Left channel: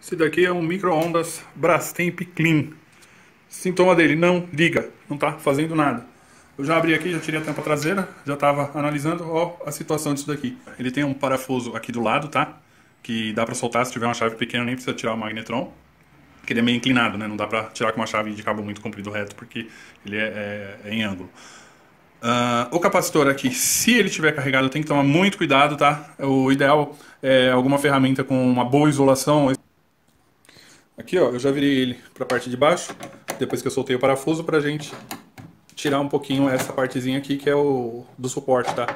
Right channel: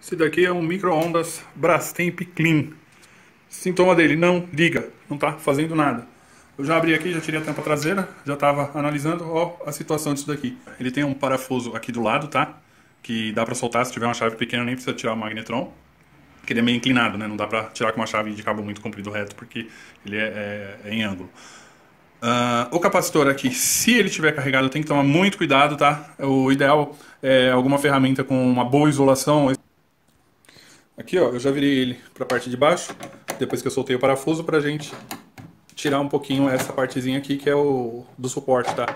Esse daqui é um micro-ondas Brastemp Clean. Sintoma dele, não liga, não tá fazendo nada. Eu já abri aqui, já tirei a tampa traseira, já estava analisando a situação disso daqui. Ele tem um parafuso aqui do lado, tá? Que dá para soltar se tiver uma chave pequena, nem precisa tirar o magnetron. Porque ele é meio inclinado, né? Não dá para tirar com uma chave de cabo muito comprido reto, porque ele é em ângulo. O capacitor aqui, se ele estiver carregado, tem que tomar muito cuidado, tá? O ideal é alguma ferramenta com uma boa isolação. Aqui, ó, eu já virei ele para a parte de baixo, depois que eu soltei o parafuso, pra gente tirar um pouquinho essa partezinha aqui, que é o do suporte, tá?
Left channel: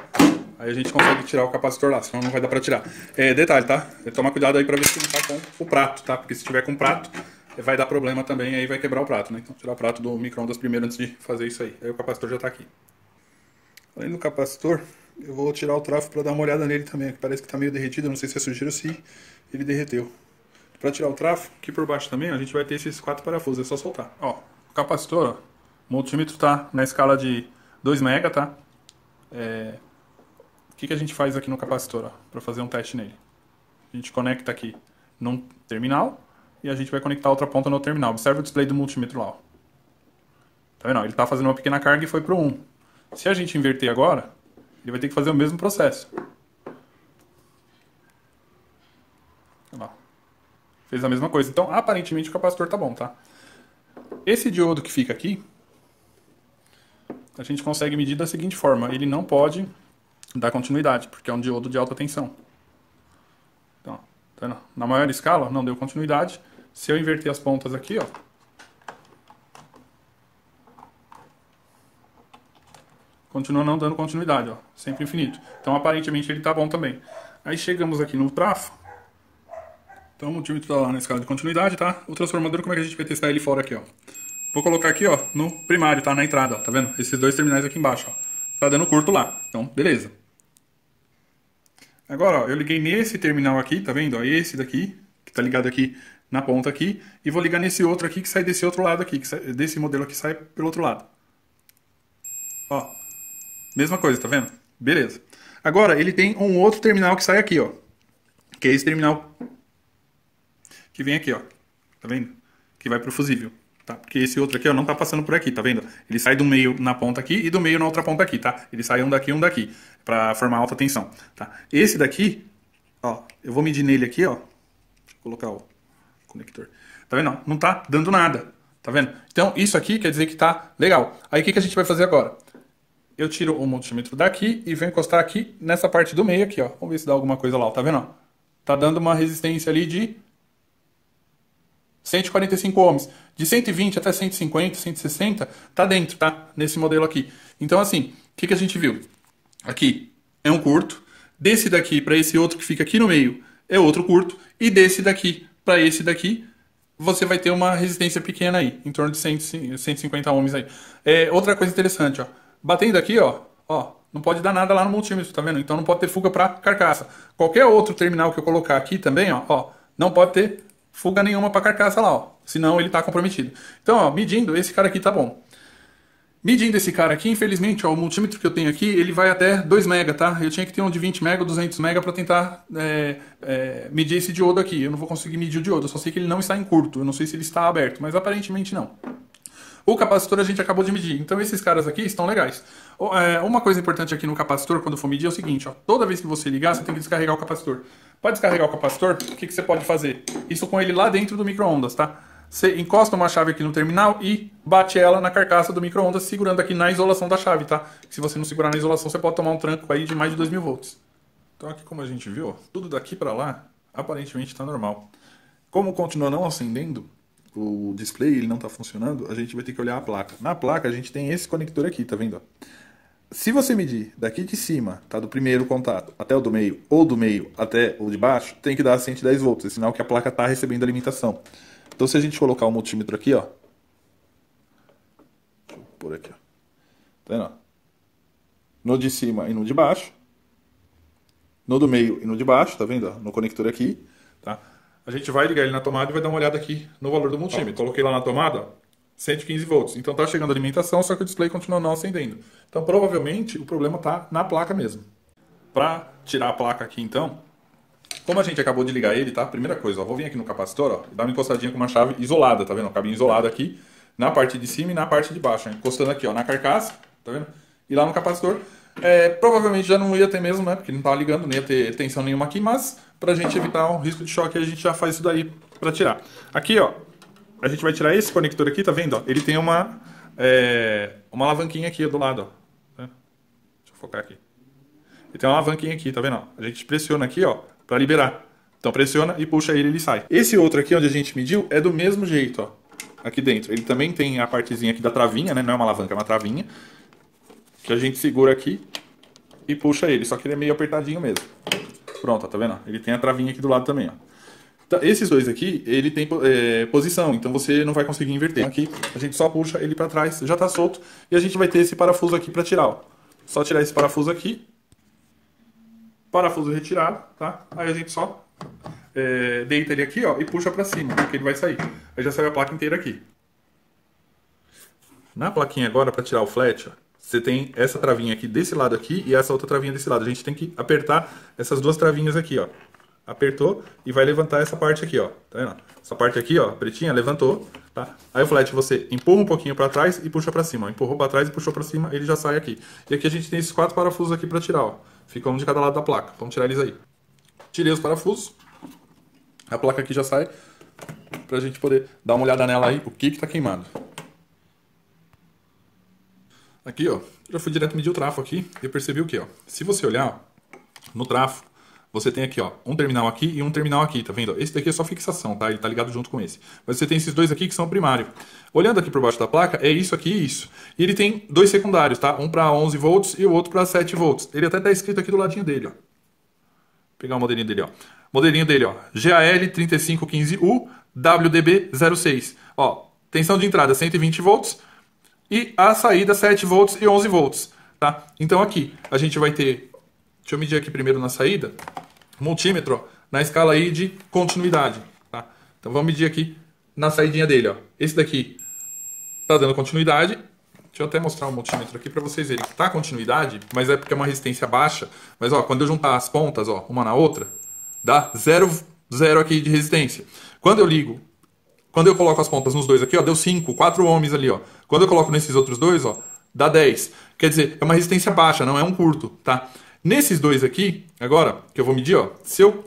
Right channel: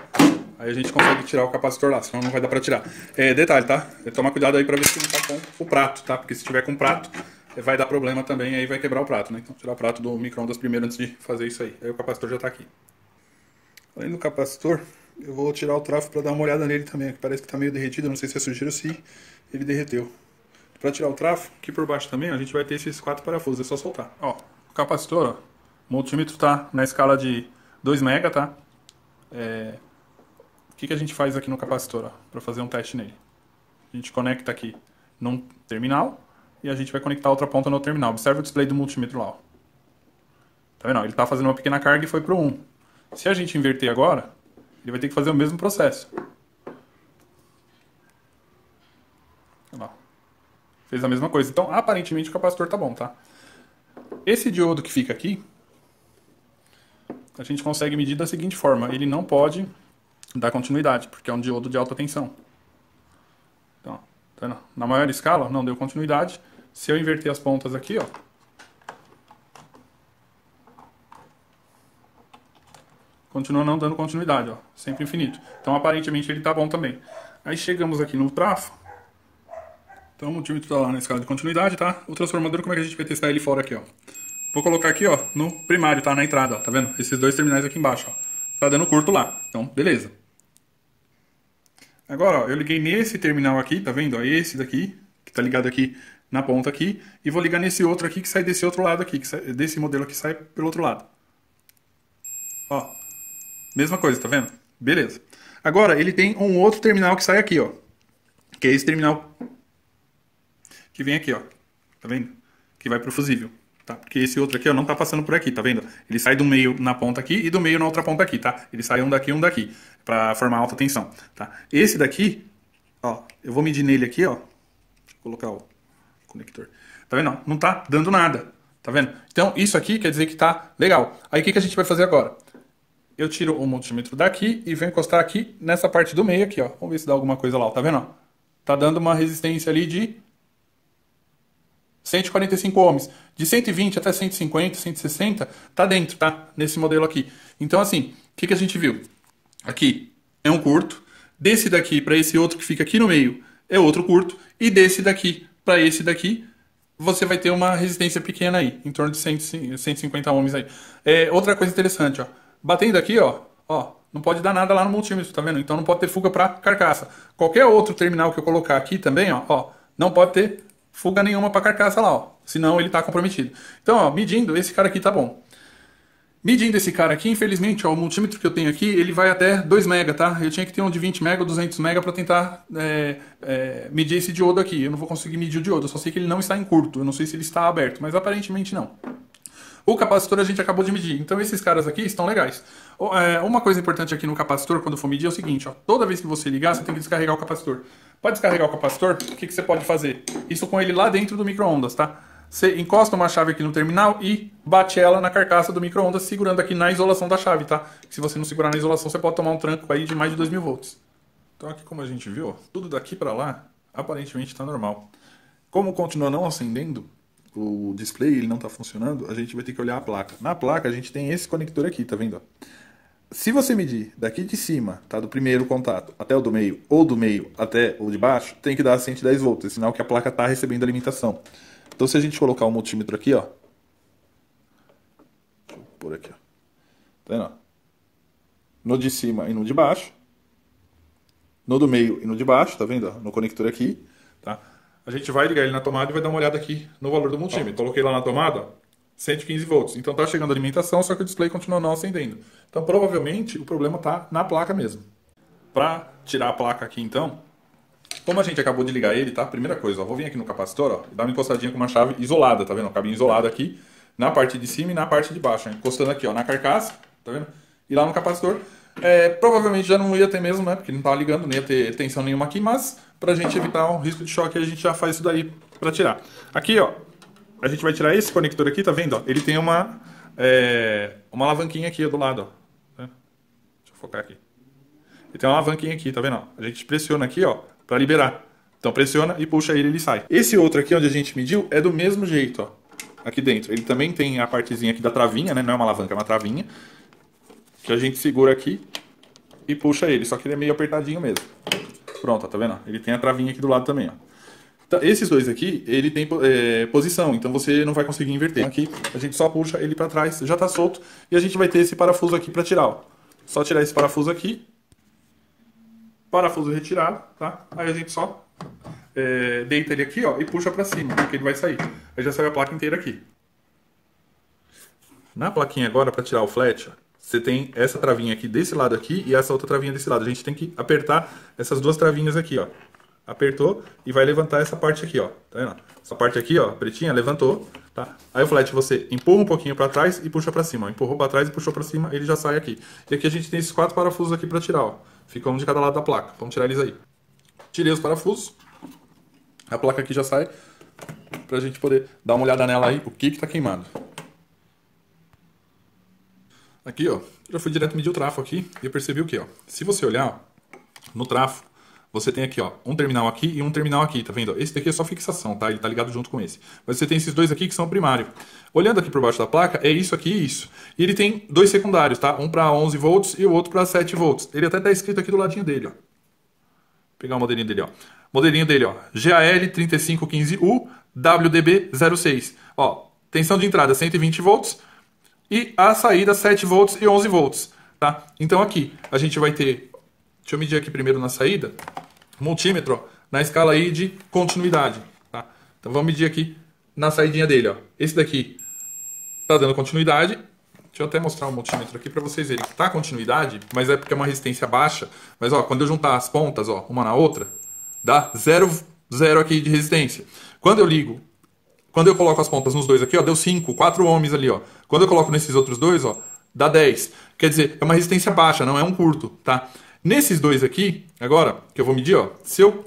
Aí a gente consegue tirar o capacitor lá, senão não vai dar pra tirar. Detalhe, tá? Tem que tomar cuidado aí pra ver se não tá com o prato, tá? Porque se tiver com prato, vai dar problema também, aí vai quebrar o prato, né? Então tirar o prato do micro-ondas primeiro antes de fazer isso aí. Aí o capacitor já tá aqui. Aí no capacitor, eu vou tirar o trafo pra dar uma olhada nele também, que parece que tá meio derretido, eu não sei se é sujeira ou se ele derreteu. Para tirar o trafo, aqui por baixo também a gente vai ter esses 4 parafusos, é só soltar. Ó, o capacitor, ó, o multímetro tá na escala de 2 mega, tá? O que a gente faz aqui no capacitor, ó, para fazer um teste nele? A gente conecta aqui no terminal e a gente vai conectar a outra ponta no terminal. Observa o display do multímetro lá, ó. Tá vendo? Ele tá fazendo uma pequena carga e foi pro 1. Se a gente inverter agora, ele vai ter que fazer o mesmo processo. Fez a mesma coisa. Então, aparentemente, o capacitor tá bom, tá? Esse diodo que fica aqui, a gente consegue medir da seguinte forma. Ele não pode dar continuidade, porque é um diodo de alta tensão. Então, tá vendo? Na maior escala, não deu continuidade. Se eu inverter as pontas aqui, ó, continua não dando continuidade, ó, sempre infinito. Então, aparentemente, ele tá bom também. Aí chegamos aqui no trafo. Então o multímetro tá lá na escala de continuidade, tá? O transformador, como é que a gente vai testar ele fora aqui, ó? Vou colocar aqui, ó, no primário, tá? Na entrada, ó, tá vendo? Esses 2 terminais aqui embaixo, ó. Tá dando curto lá. Então, beleza. Agora, ó, eu liguei nesse terminal aqui, tá vendo? Ó, esse daqui, que tá ligado aqui na ponta aqui. E vou ligar nesse outro aqui, que sai desse outro lado aqui. Desse modelo aqui, sai pelo outro lado. Ó. Mesma coisa, tá vendo? Beleza. Agora, ele tem um outro terminal que sai aqui, ó. Que é esse terminal que vem aqui, ó, tá vendo? Que vai pro fusível, tá? Porque esse outro aqui, ó, não tá passando por aqui, tá vendo? Ele sai do meio na ponta aqui e do meio na outra ponta aqui, tá? Ele sai um daqui e um daqui, pra formar alta tensão, tá? Esse daqui, ó, eu vou medir nele aqui, ó. Deixa eu colocar o conector. Tá vendo? Não tá dando nada, tá vendo? Então, isso aqui quer dizer que tá legal. Aí, o que a gente vai fazer agora? Eu tiro o multímetro daqui e venho encostar aqui nessa parte do meio aqui, ó. Vamos ver se dá alguma coisa lá, ó, tá vendo? Tá dando uma resistência ali de 145 ohms. De 120 até 150, 160, tá dentro, tá? Nesse modelo aqui. Então, assim, o que a gente viu? Aqui é um curto. Desse daqui para esse outro que fica aqui no meio é outro curto. E desse daqui para esse daqui, você vai ter uma resistência pequena aí, em torno de 150 ohms aí. Outra coisa interessante, ó. Batendo aqui, ó, não pode dar nada lá no multímetro, tá vendo? Então não pode ter fuga para carcaça. Qualquer outro terminal que eu colocar aqui também, ó, não pode ter fuga nenhuma para carcaça lá, ó. Senão ele tá comprometido. Então, ó, medindo, esse cara aqui tá bom. Medindo esse cara aqui, infelizmente, ó, o multímetro que eu tenho aqui, ele vai até 2 mega, tá? Eu tinha que ter um de 20 mega, 200 mega para tentar medir esse diodo aqui. Eu não vou conseguir medir o diodo, eu só sei que ele não está em curto. Eu não sei se ele está aberto, mas aparentemente não. O capacitor a gente acabou de medir, então esses caras aqui estão legais. Uma coisa importante aqui no capacitor, quando for medir, é o seguinte, ó, toda vez que você ligar, você tem que descarregar o capacitor. Para descarregar o capacitor, o que você pode fazer? Isso com ele lá dentro do micro-ondas, tá? Você encosta uma chave aqui no terminal e bate ela na carcaça do micro-ondas, segurando aqui na isolação da chave, tá? Se você não segurar na isolação, você pode tomar um tranco aí de mais de 2000 volts. Então aqui, como a gente viu, ó, tudo daqui para lá, aparentemente está normal. Como continua não acendendo, o display ele não está funcionando, a gente vai ter que olhar a placa. Na placa a gente tem esse conector aqui, tá vendo? Se você medir daqui de cima, tá, do primeiro contato até o do meio, ou do meio até o de baixo, tem que dar 110 volts, é sinal que a placa está recebendo alimentação. Então se a gente colocar o multímetro aqui, ó, vou pôr aqui, ó, tá vendo? No de cima e no de baixo, no do meio e no de baixo, tá vendo? No conector aqui, tá? A gente vai ligar ele na tomada e vai dar uma olhada aqui no valor do multímetro. Coloquei lá na tomada 115 volts. Então tá chegando a alimentação, só que o display continua não acendendo. Então provavelmente o problema tá na placa mesmo. Para tirar a placa aqui então, Como a gente acabou de ligar ele, tá? Primeira coisa, ó, vou vir aqui no capacitor, ó, dar uma encostadinha com uma chave isolada, tá vendo? Um cabinho isolado aqui, na parte de cima e na parte de baixo, ó, encostando aqui, ó, na carcaça, tá vendo? E lá no capacitor, provavelmente já não ia ter mesmo, né? Porque não tava ligando, não ia ter tensão nenhuma aqui, mas pra gente evitar um risco de choque, a gente já faz isso daí pra tirar. Aqui, ó, a gente vai tirar esse conector aqui, tá vendo? Ó? Ele tem uma alavanquinha aqui do lado, ó. Deixa eu focar aqui. Ele tem uma alavanquinha aqui, tá vendo? A gente pressiona aqui, ó, pra liberar. Então pressiona e puxa ele sai. Esse outro aqui, onde a gente mediu, é do mesmo jeito, ó. Aqui dentro. Ele também tem a partezinha aqui da travinha, né? Não é uma alavanca, é uma travinha. Que a gente segura aqui e puxa ele. Só que ele é meio apertadinho mesmo. Pronto, ó, tá vendo? Ele tem a travinha aqui do lado também, ó. Então, esses dois aqui, ele tem posição, então você não vai conseguir inverter. Aqui, a gente só puxa ele pra trás, já tá solto. E a gente vai ter esse parafuso aqui pra tirar, ó. Só tirar esse parafuso aqui. Parafuso retirado, tá? Aí a gente só deita ele aqui, ó, e puxa pra cima, que ele vai sair. Aí já saiu a placa inteira aqui. Na plaquinha agora, pra tirar o flat, você tem essa travinha aqui desse lado aqui e essa outra travinha desse lado. A gente tem que apertar essas duas travinhas aqui, ó. Apertou e vai levantar essa parte aqui, ó. Tá vendo? Essa parte aqui, ó, pretinha, levantou, tá? Aí o flat você empurra um pouquinho pra trás e puxa pra cima. Empurrou pra trás e puxou pra cima, ele já sai aqui. E aqui a gente tem esses 4 parafusos aqui pra tirar, ó. Fica um de cada lado da placa. Vamos tirar eles aí. Tirei os parafusos. A placa aqui já sai. Pra gente poder dar uma olhada nela aí, o que tá queimado. Aqui, ó. Eu fui direto medir o trafo aqui e eu percebi o quê, ó. Se você olhar, ó, no trafo, você tem aqui, ó, um terminal aqui e um terminal aqui, tá vendo? Esse daqui é só fixação, tá? Ele tá ligado junto com esse. Mas você tem esses dois aqui que são primário. Olhando aqui por baixo da placa, é isso aqui e isso. E ele tem dois secundários, tá? Um para 11 volts e o outro para 7 volts. Ele até tá escrito aqui do ladinho dele, ó. Vou pegar o modelinho dele, ó. Modelinho dele, ó. GAL3515U WDB06. Ó, tensão de entrada 120 volts e a saída 7 volts e 11 volts, tá? Então aqui a gente vai ter... Deixa eu medir aqui primeiro na saída. Multímetro, ó, na escala aí de continuidade, tá? Então vamos medir aqui na saidinha dele, ó. Esse daqui tá dando continuidade. Deixa eu até mostrar o multímetro aqui para vocês verem que tá continuidade, mas é porque é uma resistência baixa. Mas ó, quando eu juntar as pontas, ó, uma na outra, dá 0 aqui de resistência. Quando eu coloco as pontas nos dois aqui, ó, deu 5, 4 ohms ali, ó. Quando eu coloco nesses outros dois, ó, dá 10. Quer dizer, é uma resistência baixa, não é um curto, tá? Nesses dois aqui, agora, que eu vou medir, ó, se eu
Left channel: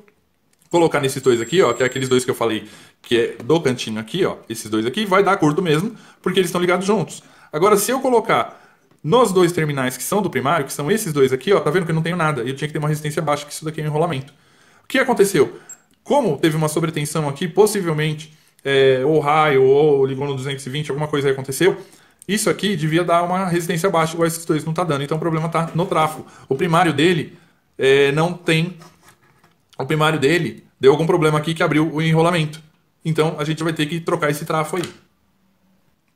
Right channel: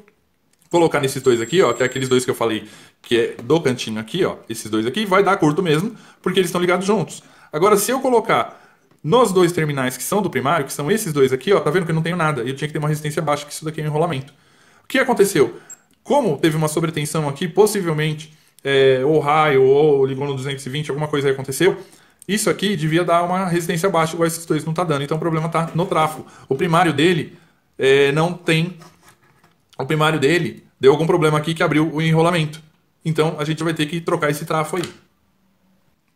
colocar nesses dois aqui, ó, que é aqueles dois que eu falei, que é do cantinho aqui, ó, esses dois aqui, vai dar curto mesmo, porque eles estão ligados juntos. Agora, se eu colocar nos dois terminais que são do primário, que são esses dois aqui, ó, tá vendo que eu não tenho nada, eu tinha que ter uma resistência baixa, que isso daqui é um enrolamento. O que aconteceu? Como teve uma sobretensão aqui, possivelmente, ou raio, ou ligou no 220, alguma coisa aí aconteceu, isso aqui devia dar uma resistência baixa, igual esses dois não tá dando. Então o problema tá no trafo. O primário dele não tem... O primário dele deu algum problema aqui que abriu o enrolamento. Então a gente vai ter que trocar esse trafo aí.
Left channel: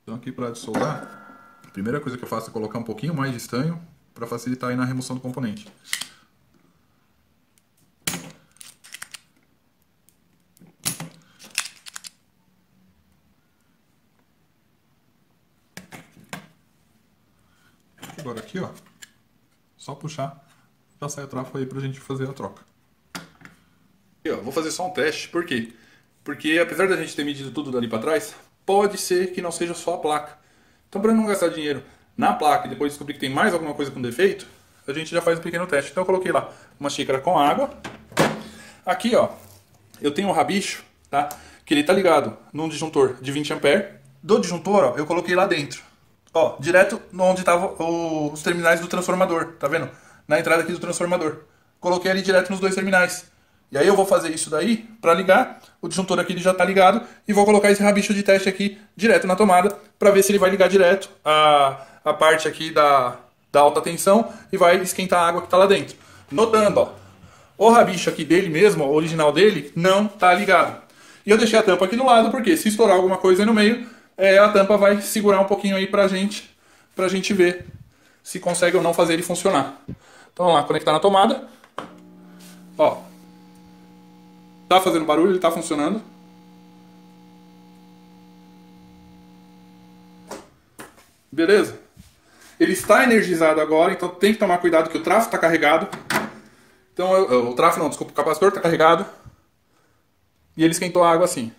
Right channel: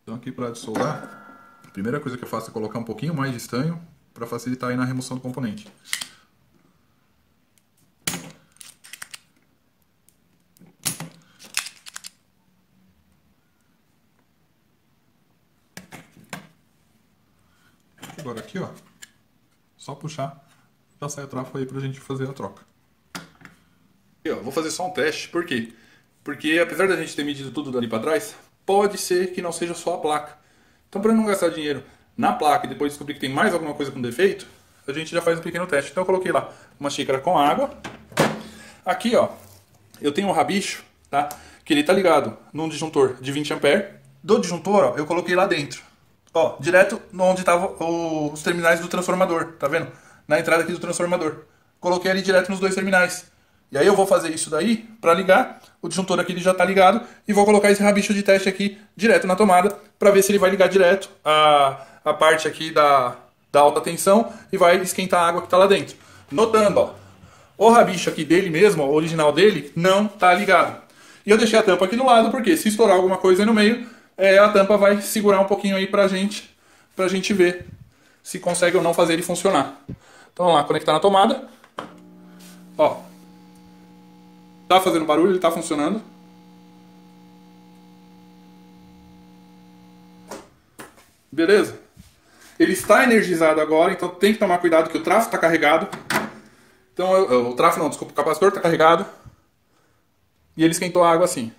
Então aqui para soldar, a primeira coisa que eu faço é colocar um pouquinho mais de estanho para facilitar aí na remoção do componente. Agora aqui, ó, só puxar, já sai o trafo aí pra gente fazer a troca. Aqui, ó, vou fazer só um teste, por quê? Porque apesar da gente ter medido tudo dali pra trás, pode ser que não seja só a placa. Então pra não gastar dinheiro na placa e depois descobrir que tem mais alguma coisa com defeito, a gente já faz um pequeno teste. Então eu coloquei lá uma xícara com água. Aqui, ó, eu tenho um rabicho, tá? Que ele tá ligado num disjuntor de 20 A. Do disjuntor, ó, eu coloquei lá dentro. Ó, direto onde estavam os terminais do transformador, tá vendo? Na entrada aqui do transformador. Coloquei ali direto nos dois terminais. E aí eu vou fazer isso daí pra ligar. O disjuntor aqui ele já tá ligado. E vou colocar esse rabicho de teste aqui direto na tomada pra ver se ele vai ligar direto a parte aqui da alta tensão e vai esquentar a água que tá lá dentro. Notando, ó, o rabicho aqui dele mesmo, o original dele, não tá ligado. E eu deixei a tampa aqui do lado porque se estourar alguma coisa aí no meio, a tampa vai segurar um pouquinho aí pra gente ver se consegue ou não fazer ele funcionar. Então vamos lá, conectar na tomada. Ó, tá fazendo barulho, ele tá funcionando. Beleza? Ele está energizado agora, então tem que tomar cuidado que o trafo está carregado. Então, o trafo não, desculpa, o capacitor está carregado e ele esquentou a água assim.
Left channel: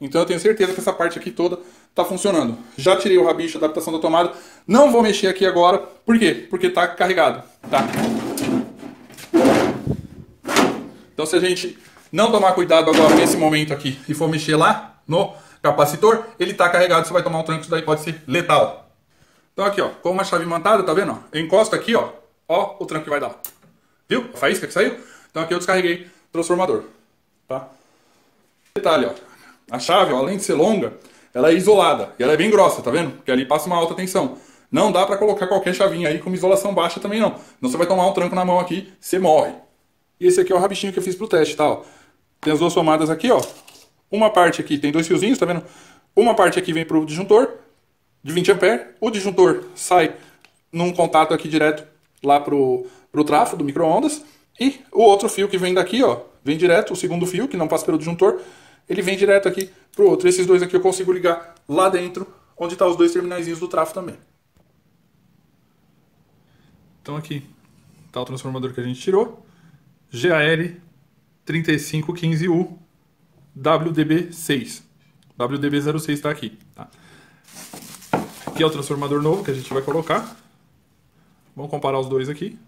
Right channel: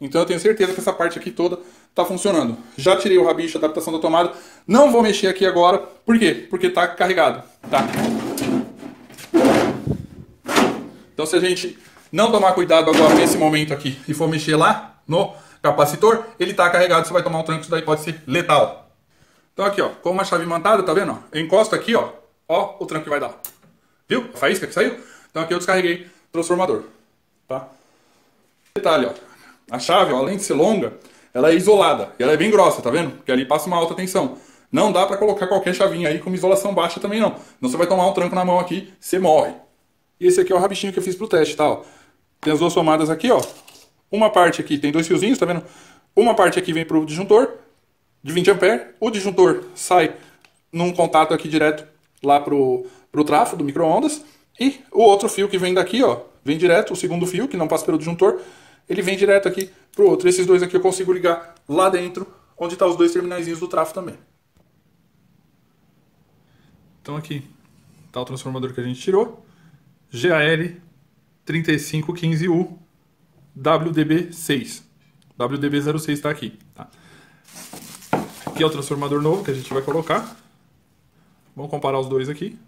Então eu tenho certeza que essa parte aqui toda está funcionando. Já tirei o rabicho da adaptação da tomada. Não vou mexer aqui agora. Por quê? Porque está carregado. Tá? Então se a gente não tomar cuidado agora nesse momento aqui e for mexer lá no capacitor, ele está carregado, você vai tomar um tranco, isso daí pode ser letal. Então aqui, ó, com uma chave imantada, tá vendo? Eu encosto aqui, ó o tranco que vai dar. Viu? A faísca que saiu? Então aqui eu descarreguei o transformador. Tá? Detalhe, ó. A chave, ó, além de ser longa, ela é isolada. E ela é bem grossa, tá vendo? Porque ali passa uma alta tensão. Não dá pra colocar qualquer chavinha aí com isolação baixa também não. Senão você vai tomar um tranco na mão aqui, você morre. E esse aqui é o rabichinho que eu fiz pro teste, tá? Ó. Tem as duas tomadas aqui, ó. Uma parte aqui tem 2 fiozinhos, tá vendo? Uma parte aqui vem pro disjuntor de 20 A. O disjuntor sai num contato aqui direto lá pro trafo do micro-ondas. E o outro fio que vem daqui, ó, vem direto, o segundo fio, que não passa pelo disjuntor, ele vem direto aqui pro outro. Esses dois aqui eu consigo ligar lá dentro, onde tá os 2 terminaizinhos do trafo também. Então aqui tá o transformador que a gente tirou. GAL 3515U WDB6. WDB06 tá aqui. Tá? Aqui é o transformador novo que a gente vai colocar. Vamos comparar os dois aqui.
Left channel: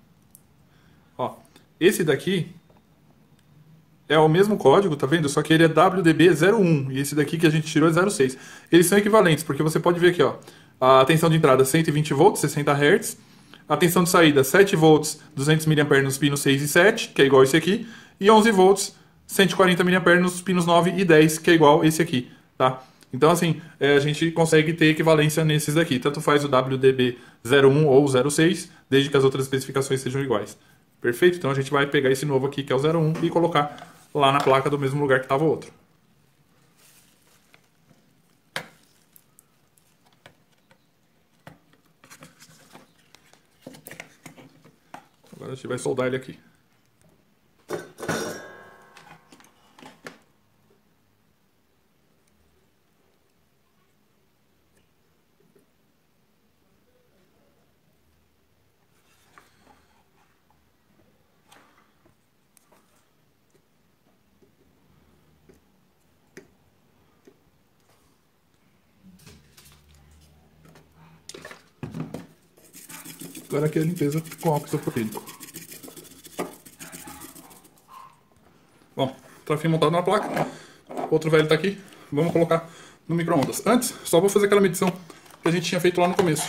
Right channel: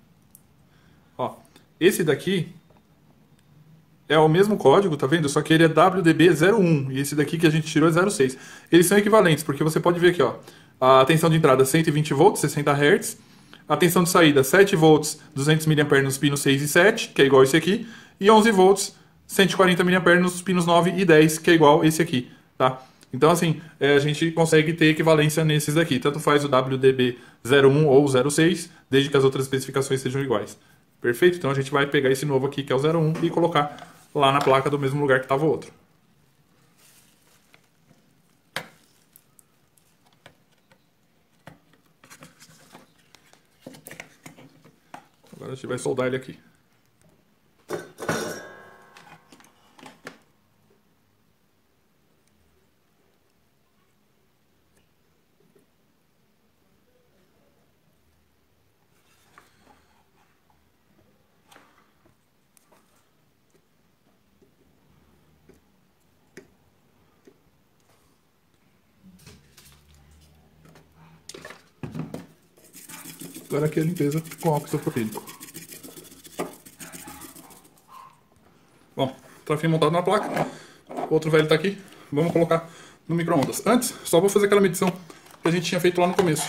Ó, esse daqui é o mesmo código, tá vendo? Só que ele é WDB01 e esse daqui que a gente tirou é 06. Eles são equivalentes, porque você pode ver aqui, ó, a tensão de entrada 120 volts, 60 Hz, a tensão de saída 7 volts, 200 mA nos pinos 6 e 7, que é igual esse aqui, e 11 volts, 140 mA nos pinos 9 e 10, que é igual esse aqui, tá? Então, assim, a gente consegue ter equivalência nesses daqui. Tanto faz o WDB01 ou 06, desde que as outras especificações sejam iguais. Perfeito? Então a gente vai pegar esse novo aqui, que é o 01, e colocar lá na placa do mesmo lugar que estava o outro. Agora a gente vai soldar ele aqui. Agora aqui a limpeza com álcool isopropílico. Bom, troféu montado na placa. O outro velho tá aqui. Vamos colocar no micro-ondas. Antes, só vou fazer aquela medição que a gente tinha feito lá no começo.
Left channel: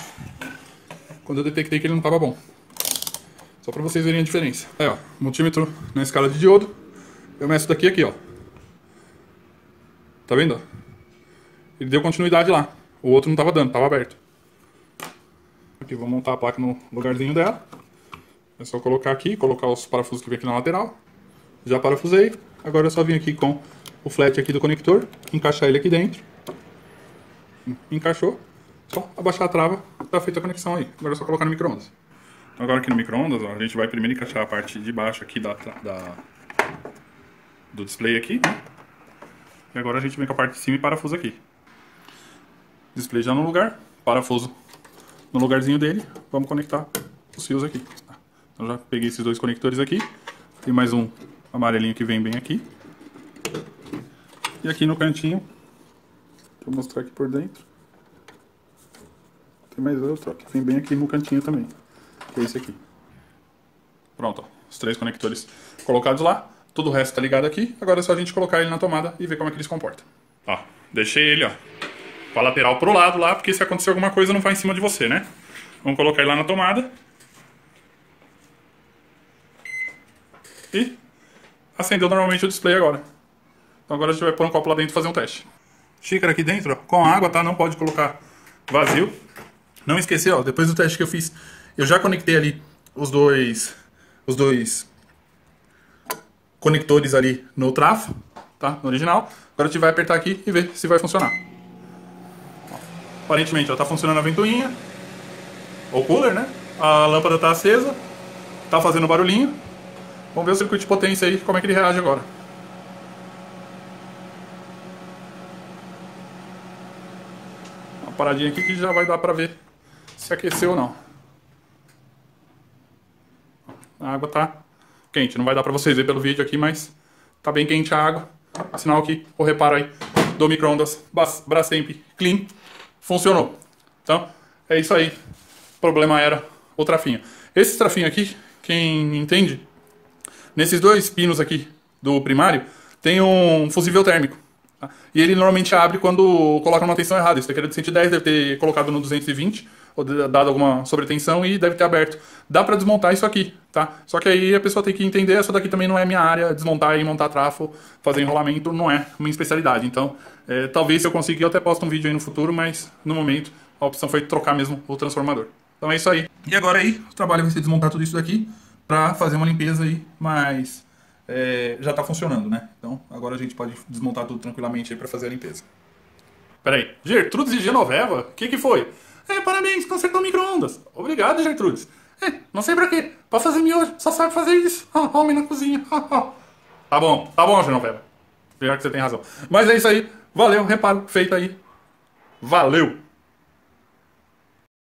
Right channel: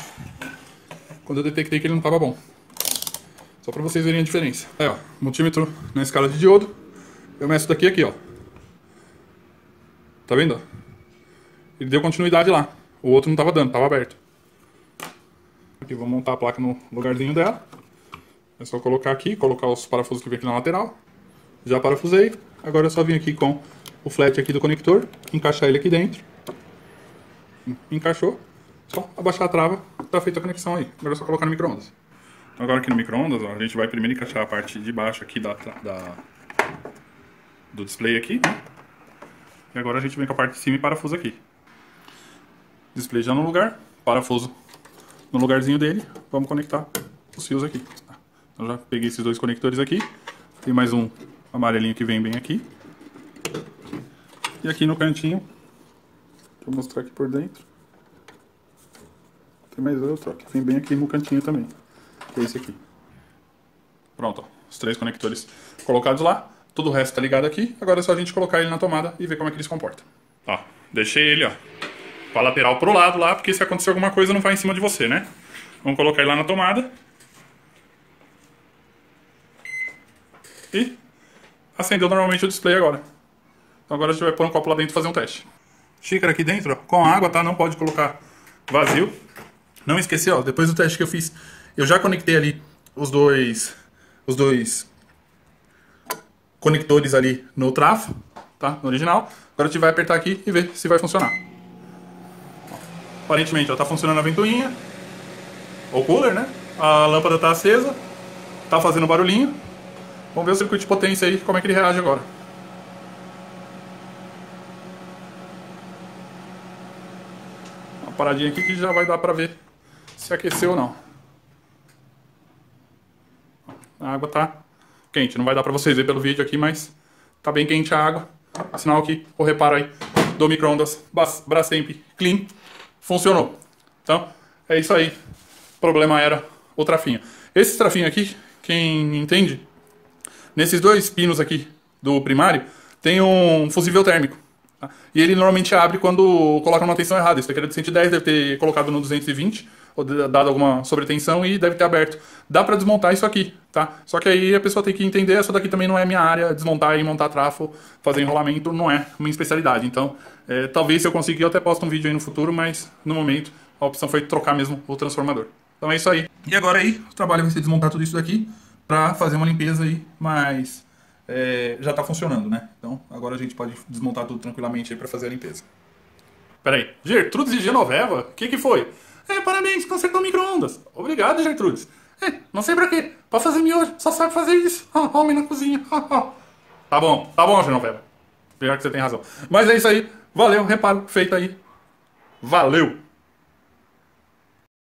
Quando eu detectei que ele não estava bom. Só para vocês verem a diferença. Ó, multímetro na escala de diodo. Eu meço daqui aqui, ó. Tá vendo? Ele deu continuidade lá. O outro não estava dando, estava aberto. Aqui, vou montar a placa no lugarzinho dela. É só colocar aqui, colocar os parafusos que vem aqui na lateral. Já parafusei. Agora é só vir aqui com o flat aqui do conector, encaixar ele aqui dentro. Encaixou. Só abaixar a trava, tá feita a conexão aí. Agora é só colocar no micro-ondas. Então agora aqui no micro-ondas, a gente vai primeiro encaixar a parte de baixo aqui do display aqui, né? E agora a gente vem com a parte de cima e parafuso aqui. Display já no lugar, parafuso no lugarzinho dele. Vamos conectar os fios aqui. Então já peguei esses 2 conectores aqui. E mais um amarelinho que vem bem aqui. E aqui no cantinho, vou mostrar aqui por dentro. Tem mais outro que vem bem aqui no cantinho também. Que é esse aqui. Pronto, ó, os 3 conectores colocados lá. Tudo o resto tá ligado aqui. Agora é só a gente colocar ele na tomada e ver como é que ele se comporta. Ó, deixei ele, ó, com a lateral pro lado lá, porque se acontecer alguma coisa não vai em cima de você, né? Vamos colocar ele lá na tomada. E acendeu normalmente o display agora. Então agora a gente vai pôr um copo lá dentro e fazer um teste. Xícara aqui dentro, ó, com água, tá? Não pode colocar vazio. Não esquecer, ó, depois do teste que eu fiz, eu já conectei ali os dois conectores ali no trafo, tá? No original. Agora a gente vai apertar aqui e ver se vai funcionar. Aparentemente, ó, tá funcionando a ventoinha. O cooler, né? A lâmpada tá acesa. Tá fazendo barulhinho. Vamos ver o circuito de potência aí, como é que ele reage agora. Uma paradinha aqui que já vai dar pra ver se aqueceu ou não. A água tá quente. Não vai dar pra vocês verem pelo vídeo aqui, mas tá bem quente a água. Sinal que o reparo aí do micro-ondas Brastemp Clean funcionou. Então, é isso aí. O problema era o trafinho. Esse trafinho aqui, quem entende, nesses dois pinos aqui do primário, tem um fusível térmico. Tá? E ele normalmente abre quando coloca uma tensão errada. Esse daqui era de 110, deve ter colocado no 220, ou dado alguma sobretensão e deve ter aberto. Dá pra desmontar isso aqui, tá? Só que aí a pessoa tem que entender, isso daqui também não é minha área, desmontar e montar trafo, fazer enrolamento não é minha especialidade. Então, talvez se eu conseguir eu até posto um vídeo aí no futuro, mas no momento a opção foi trocar mesmo o transformador. Então é isso aí. E agora aí, o trabalho vai ser desmontar tudo isso daqui pra fazer uma limpeza aí, mas já tá funcionando, né? Então agora a gente pode desmontar tudo tranquilamente aí pra fazer a limpeza. Peraí, Gertrudes e Genoveva? O que foi? Parabéns, consertou micro-ondas. Obrigado, Gertrudes. Não sei pra quê. Pra fazer miojo, só sabe fazer isso. Homem na cozinha. Tá bom, Genoveva. Pior que você tem razão. Mas é isso aí. Valeu, reparo feito aí. Valeu!